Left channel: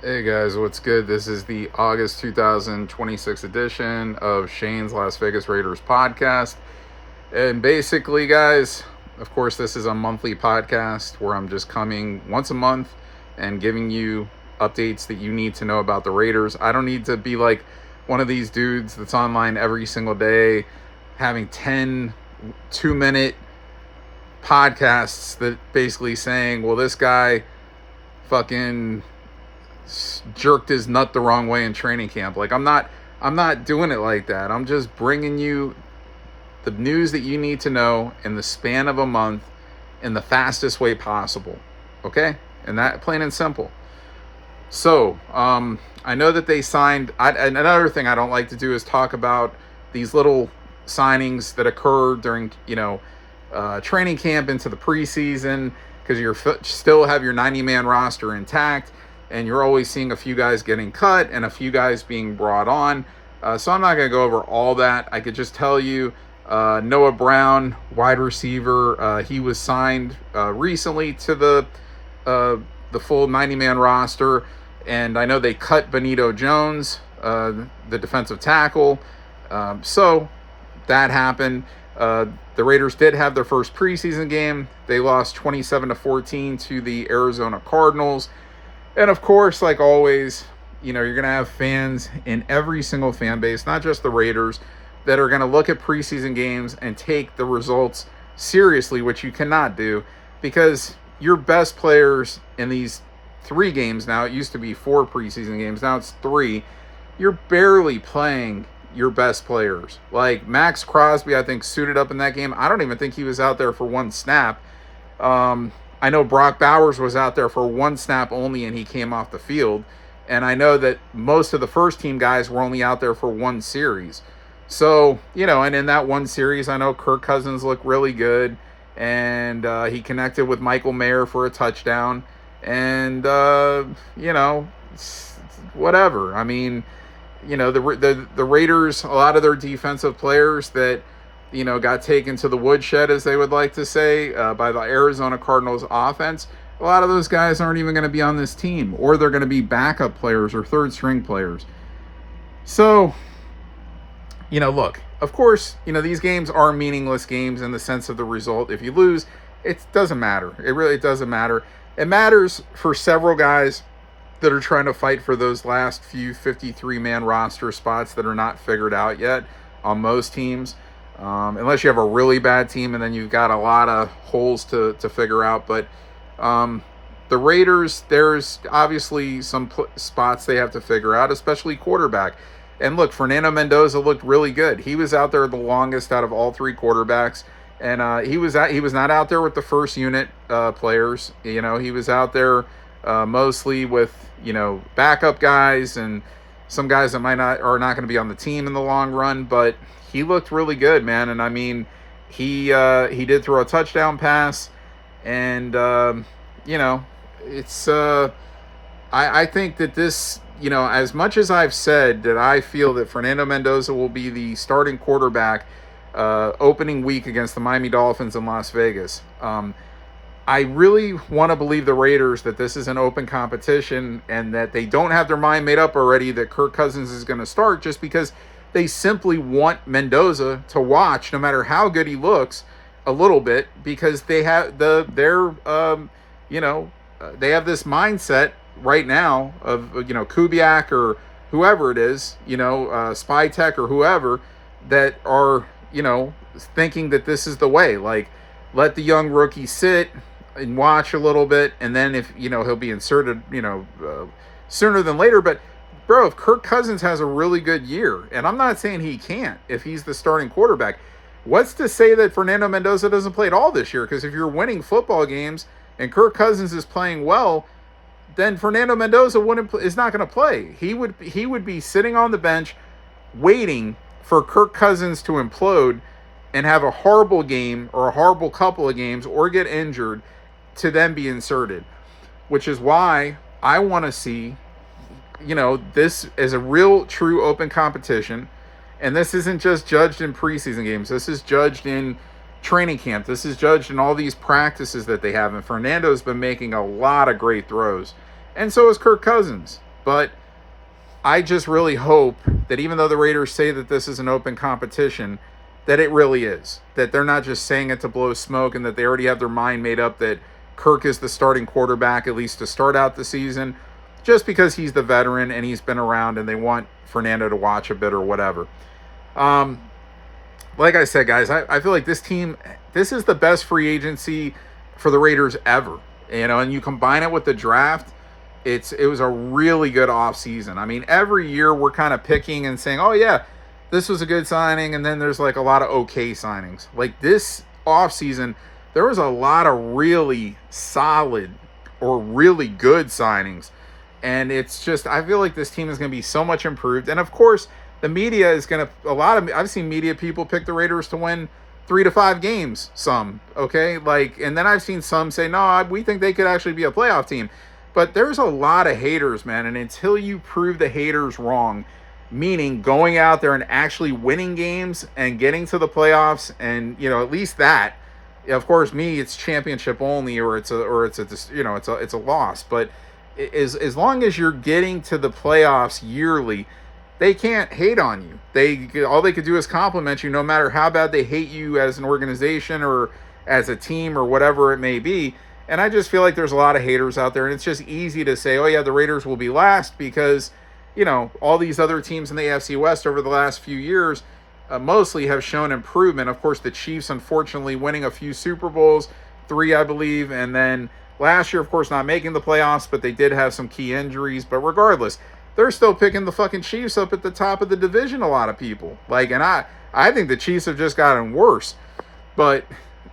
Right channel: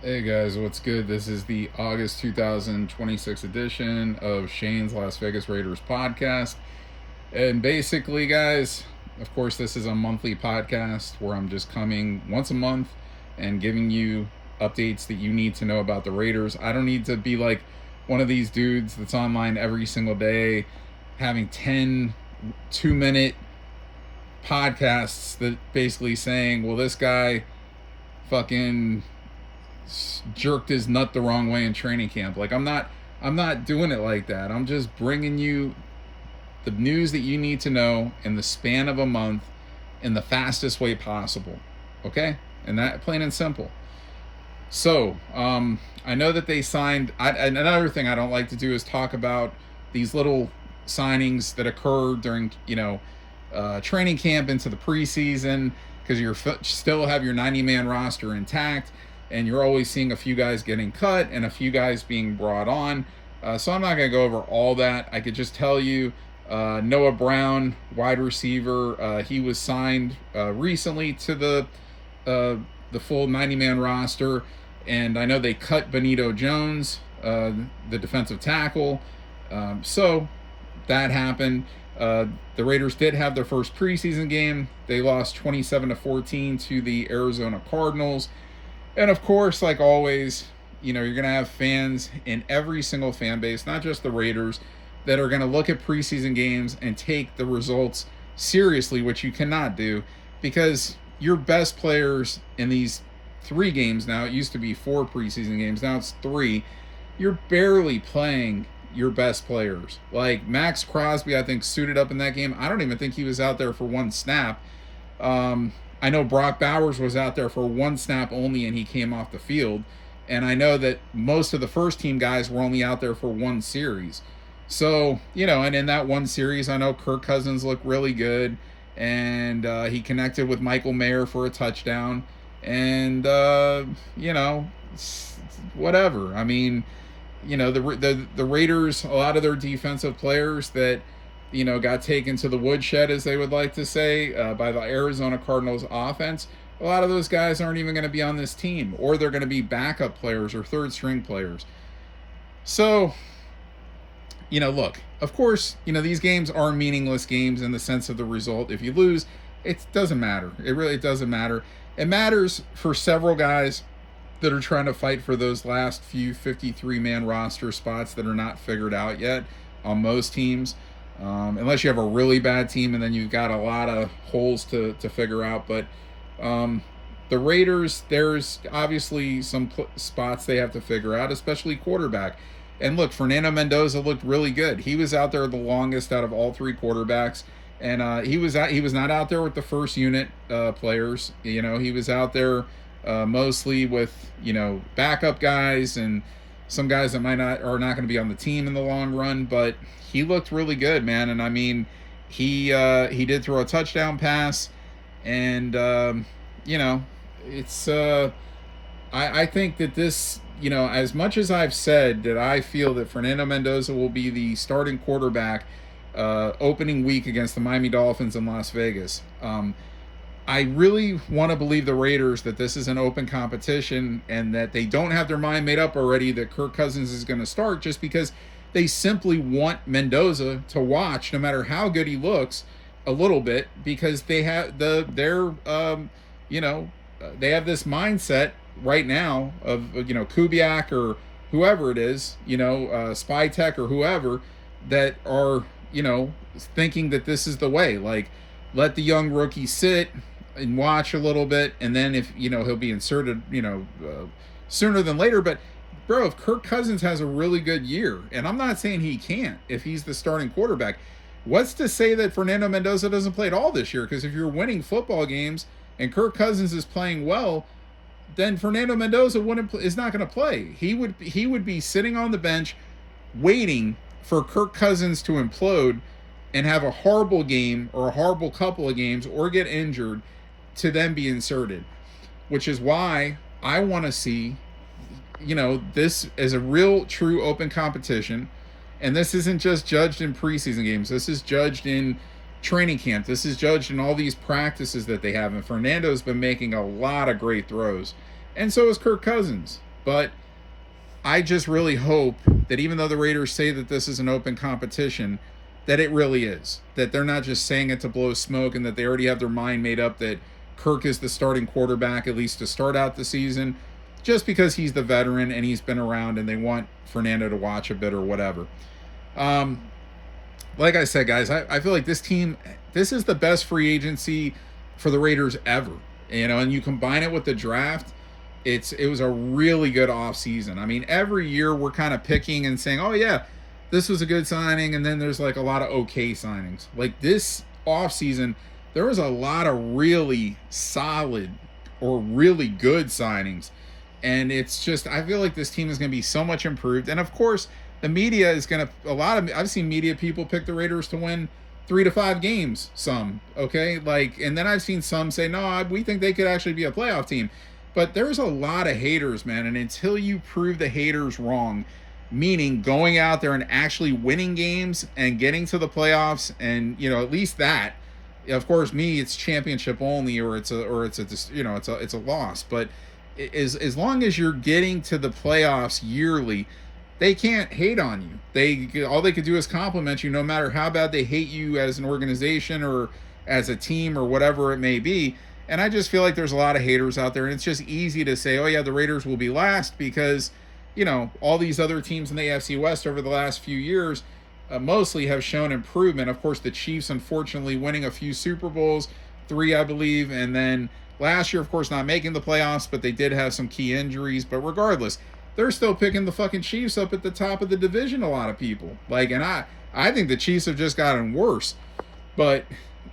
Hey guys, what's good? This is the August 2026 edition of Shane's Las Vegas Raiders podcast. And basically, guys, of course, this is a monthly podcast where I'm just coming once a month and giving you updates that you need to know about the Raiders. I don't need to be like one of these dudes that's online every single day having 10 2-minute podcasts that basically saying, well, this guy fucking jerked his nut the wrong way in training camp. Like I'm not doing it like that. I'm just bringing you the news that you need to know in the span of a month in the fastest way possible. Okay? And that, plain and simple. So, I know that they signed. Another thing I don't like to do is talk about these little signings that occur during, training camp into the preseason, because you still have your 90-man roster intact, and you're always seeing a few guys getting cut and a few guys being brought on. So I'm not going to go over all that. I could just tell you, Noah Brown, wide receiver, he was signed recently to the full 90-man roster, and I know they cut Benito Jones, the defensive tackle. So that happened. The Raiders did have their first preseason game. They lost 27-14 to the Arizona Cardinals. And of course, like always, you're going to have fans in every single fan base, not just the Raiders, that are going to look at preseason games and take the results seriously, which you cannot do, because your best players in these 3 games now, it used to be 4 preseason games, now it's 3, you're barely playing your best players. Like Max Crosby, I think, suited up in that game. I don't even think he was out there for 1 snap. I know Brock Bowers was out there for 1 snap only, and he came off the field. And I know that most of the first team guys were only out there for 1 series. So, and in that 1 series, I know Kirk Cousins looked really good, and he connected with Michael Mayer for a touchdown. And, whatever. I mean, the Raiders, a lot of their defensive players that, got taken to the woodshed, as they would like to say, by the Arizona Cardinals offense. A lot of those guys aren't even going to be on this team, or they're going to be backup players or third string players. So, look, of course, these games are meaningless games in the sense of the result. If you lose, it doesn't matter. It really doesn't matter. It matters for several guys that are trying to fight for those last few 53-man roster spots that are not figured out yet on most teams. Unless you have a really bad team, and then you've got a lot of holes to figure out. But the Raiders, there's obviously some spots they have to figure out, especially quarterback. And look, Fernando Mendoza looked really good. He was out there the longest out of all 3 quarterbacks, and he was not out there with the first unit players. He was out there mostly with backup guys and some guys that are not going to be on the team in the long run, but he looked really good, man. And I mean, he did throw a touchdown pass, and it's I think that this, as much as I've said that I feel that Fernando Mendoza will be the starting quarterback opening week against the Miami Dolphins in Las Vegas, I really want to believe the Raiders that this is an open competition and that they don't have their mind made up already that Kirk Cousins is going to start, just because they simply want Mendoza to watch, no matter how good he looks, a little bit, because they have they have this mindset right now of Kubiak or whoever it is, Spytek or whoever, that are thinking that this is the way. Like, let the young rookie sit and watch a little bit, and then if he'll be inserted sooner than later. But bro, if Kirk Cousins has a really good year, and I'm not saying he can't if he's the starting quarterback, what's to say that Fernando Mendoza doesn't play at all this year? Because if you're winning football games and Kirk Cousins is playing well, then Fernando Mendoza is not going to play. He would be sitting on the bench waiting for Kirk Cousins to implode and have a horrible game or a horrible couple of games or get injured to then be inserted, which is why I want to see this is a real, true open competition. And this isn't just judged in preseason games. This is judged in training camp. This is judged in all these practices that they have. And Fernando's been making a lot of great throws. And so is Kirk Cousins. But I just really hope that even though the Raiders say that this is an open competition, that it really is. That they're not just saying it to blow smoke, and that they already have their mind made up that Kirk is the starting quarterback, at least to start out the season, just because he's the veteran and he's been around and they want Fernando to watch a bit or whatever. Like I said, guys, I feel like this is the best free agency for the Raiders ever. And you combine it with the draft, it was a really good offseason. I mean, every year we're kind of picking and saying, oh yeah, this was a good signing, and then there's like a lot of okay signings. Like this offseason, there was a lot of really solid or really good signings. And it's just, I feel like this team is going to be so much improved. And of course, the media is going to, I've seen media people pick the Raiders to win 3 to 5 games, some, okay? And then I've seen some say, no, we think they could actually be a playoff team. But there's a lot of haters, man. And until you prove the haters wrong, meaning going out there and actually winning games and getting to the playoffs, and at least that. Of course, it's championship only, or it's a loss. But as long as you're getting to the playoffs yearly, they can't hate on you. All they could do is compliment you, no matter how bad they hate you as an organization or as a team or whatever it may be. And I just feel like there's a lot of haters out there, and it's just easy to say, oh yeah, the Raiders will be last because all these other teams in the AFC West over the last few years mostly have shown improvement. Of course, the Chiefs, unfortunately, winning a few Super Bowls, 3, I believe, and then last year, of course, not making the playoffs, but they did have some key injuries. But regardless, they're still picking the fucking Chiefs up at the top of the division, a lot of people. And I think the Chiefs have just gotten worse. But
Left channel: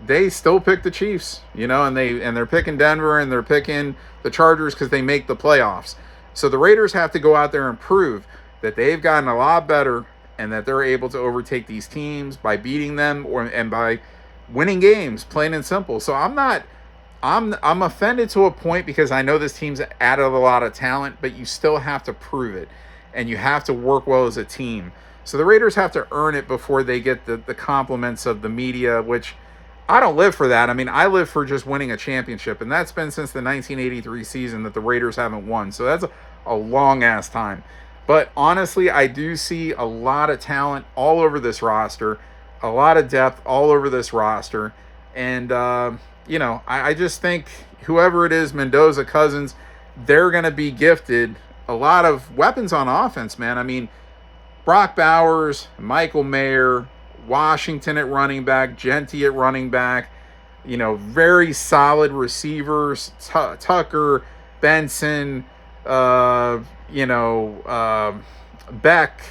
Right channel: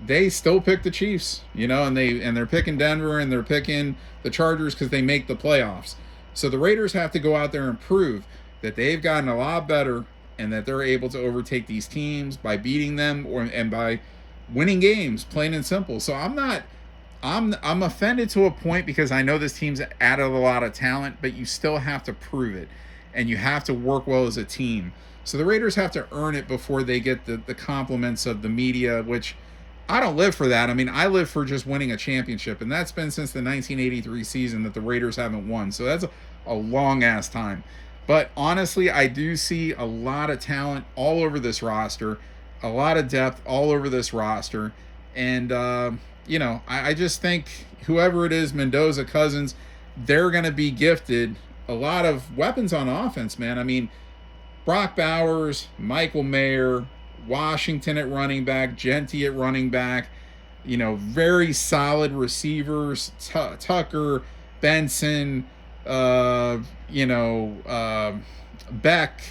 they still pick the Chiefs, and they're picking Denver, and they're picking the Chargers because they make the playoffs. So the Raiders have to go out there and prove that they've gotten a lot better and that they're able to overtake these teams by beating them and by winning games, plain and simple. So I'm offended to a point because I know this team's added a lot of talent, but you still have to prove it, and you have to work well as a team. So the Raiders have to earn it before they get the compliments of the media, which I don't live for that. I mean, I live for just winning a championship, and that's been since the 1983 season that the Raiders haven't won. So that's a long-ass time. But honestly, I do see a lot of talent all over this roster, a lot of depth all over this roster, and I just think whoever it is, Mendoza, Cousins, they're going to be gifted a lot of weapons on offense, man. I mean, Brock Bowers, Michael Mayer, Washington at running back, Genty at running back, very solid receivers, Tucker, Benson, Beck,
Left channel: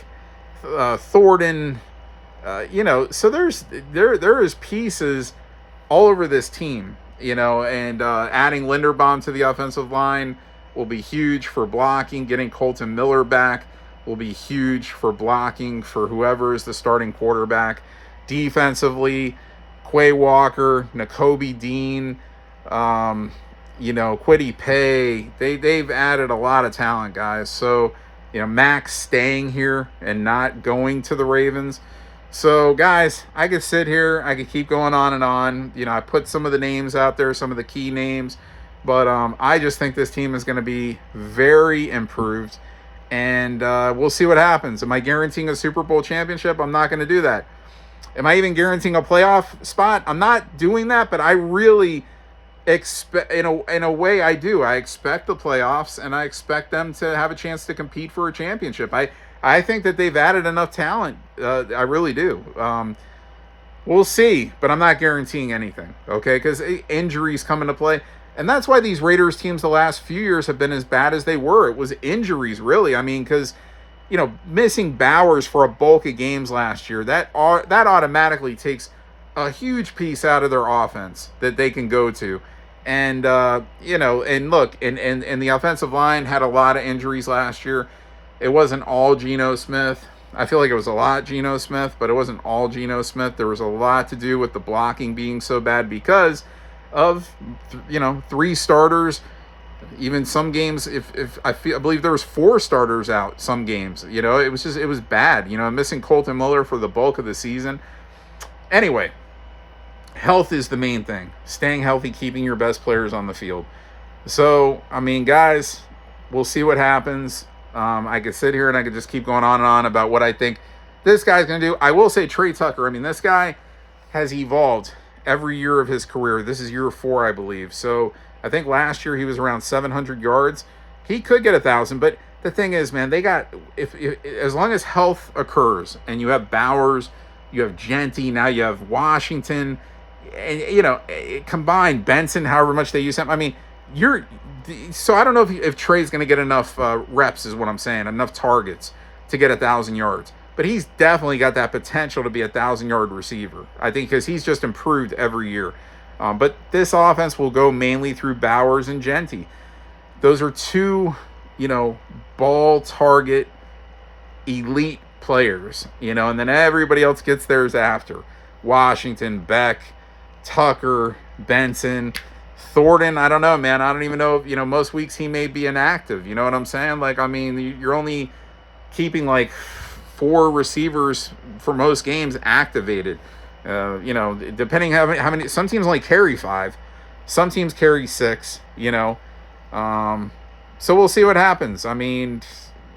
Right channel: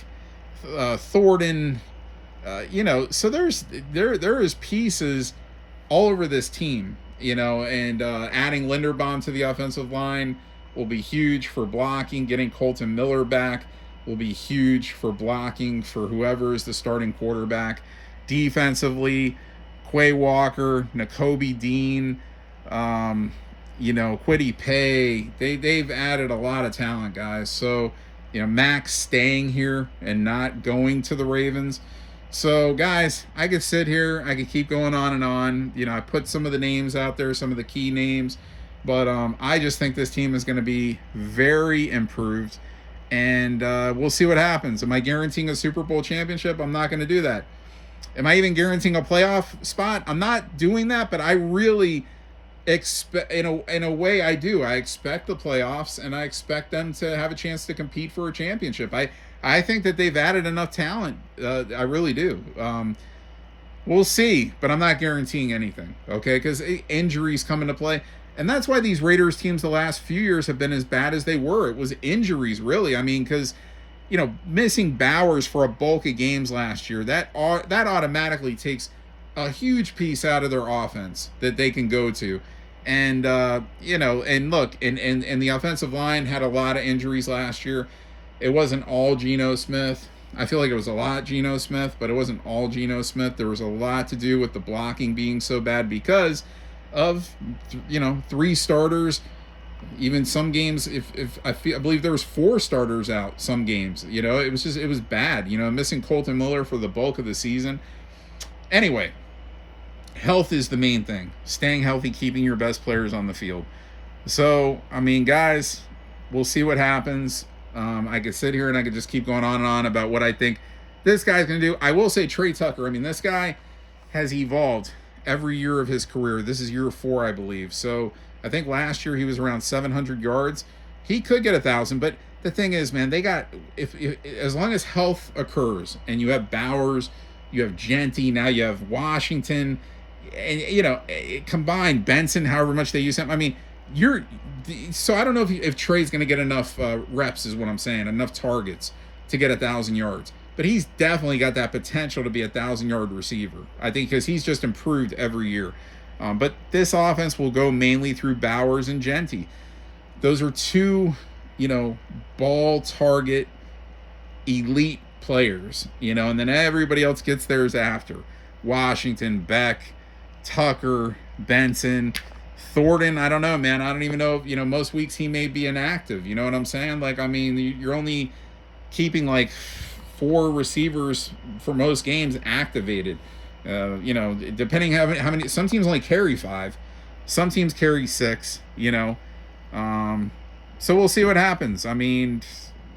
Thornton, so there is pieces all over this team, and adding Linderbaum to the offensive line will be huge for blocking. Getting Colton Miller back will be huge for blocking for whoever is the starting quarterback. Defensively, Quay Walker, Nakobe Dean, Kwity Paye, they've added a lot of talent, guys. So, Max staying here and not going to the Ravens. So, guys, I could sit here, I could keep going on and on. I put some of the names out there, some of the key names, but I just think this team is going to be very improved, and we'll see what happens. Am I guaranteeing a Super Bowl championship? I'm not going to do that. Am I even guaranteeing a playoff spot? I'm not doing that, but I really expect, in a way, I do. I expect the playoffs, and I expect them to have a chance to compete for a championship. I think that they've added enough talent. I really do. We'll see, but I'm not guaranteeing anything, okay? Because injuries come into play. And that's why these Raiders teams the last few years have been as bad as they were. It was injuries, really. I mean, because, missing Bowers for a bulk of games last year, that automatically takes a huge piece out of their offense that they can go to. And, and look, and the offensive line had a lot of injuries last year. It wasn't all Geno Smith. I feel like it was a lot Geno Smith, but it wasn't all Geno Smith. There was a lot to do with the blocking being so bad because of, 3 starters. Even some games, I believe there was 4 starters out some games. It was bad. Missing Colton Miller for the bulk of the season. Anyway, health is the main thing. Staying healthy, keeping your best players on the field. So, I mean, guys, we'll see what happens. I could sit here and I could just keep going on and on about what I think this guy's going to do. I will say Trey Tucker. I mean, this guy has evolved every year of his career. This is year 4, I believe. So I think last year he was around 700 yards. He could get 1,000, but the thing is, man, they got if as long as health occurs and you have Bowers, you have Genty, now you have Washington, and combined Benson, however much they use him. I mean, so I don't know if Trey's going to get enough reps, is what I'm saying, enough targets to get 1,000 yards. But he's definitely got that potential to be a 1,000-yard receiver, I think, because he's just improved every year. But this offense will go mainly through Bowers and Genty. Those are two, ball target elite players, and then everybody else gets theirs after. Washington, Beck, Tucker, Benson, Thornton. I don't know, man. I don't even know if, most weeks he may be inactive. You know what I'm saying? Like, I mean, you're only keeping like 4 receivers for most games activated. Depending how many, some teams only carry 5, some teams carry 6, so we'll see what happens. I mean,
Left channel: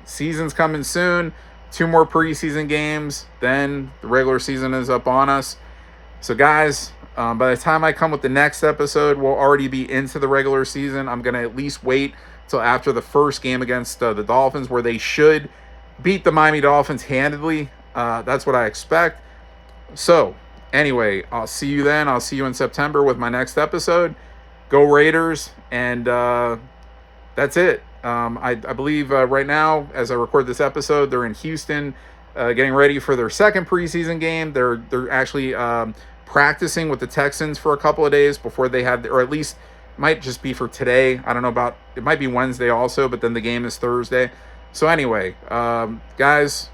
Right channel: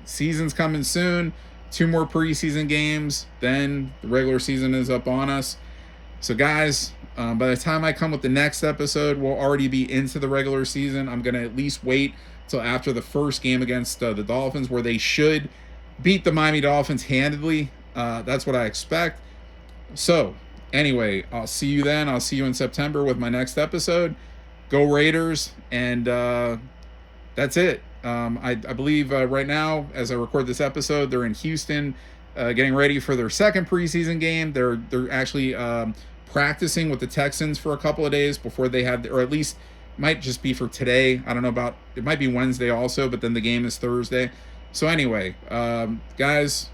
season's coming soon, 2 more preseason games, then the regular season is up on us. So guys, by the time I come with the next episode, we'll already be into the regular season. I'm going to at least wait till after the first game against the Dolphins, where they should beat the Miami Dolphins handedly. That's what I expect. So anyway, I'll see you then. I'll see you in September with my next episode. Go Raiders. And that's it. I believe right now, as I record this episode, they're in Houston getting ready for their second preseason game. They're actually practicing with the Texans for a couple of days before they have, or at least might just be for today. I don't know about, it might be Wednesday also, but then the game is Thursday. So anyway, guys,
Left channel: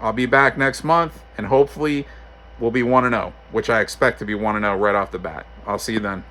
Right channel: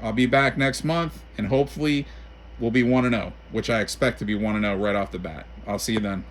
I'll be back next month, and hopefully we'll be 1-0, which I expect to be 1-0 right off the bat. I'll see you then.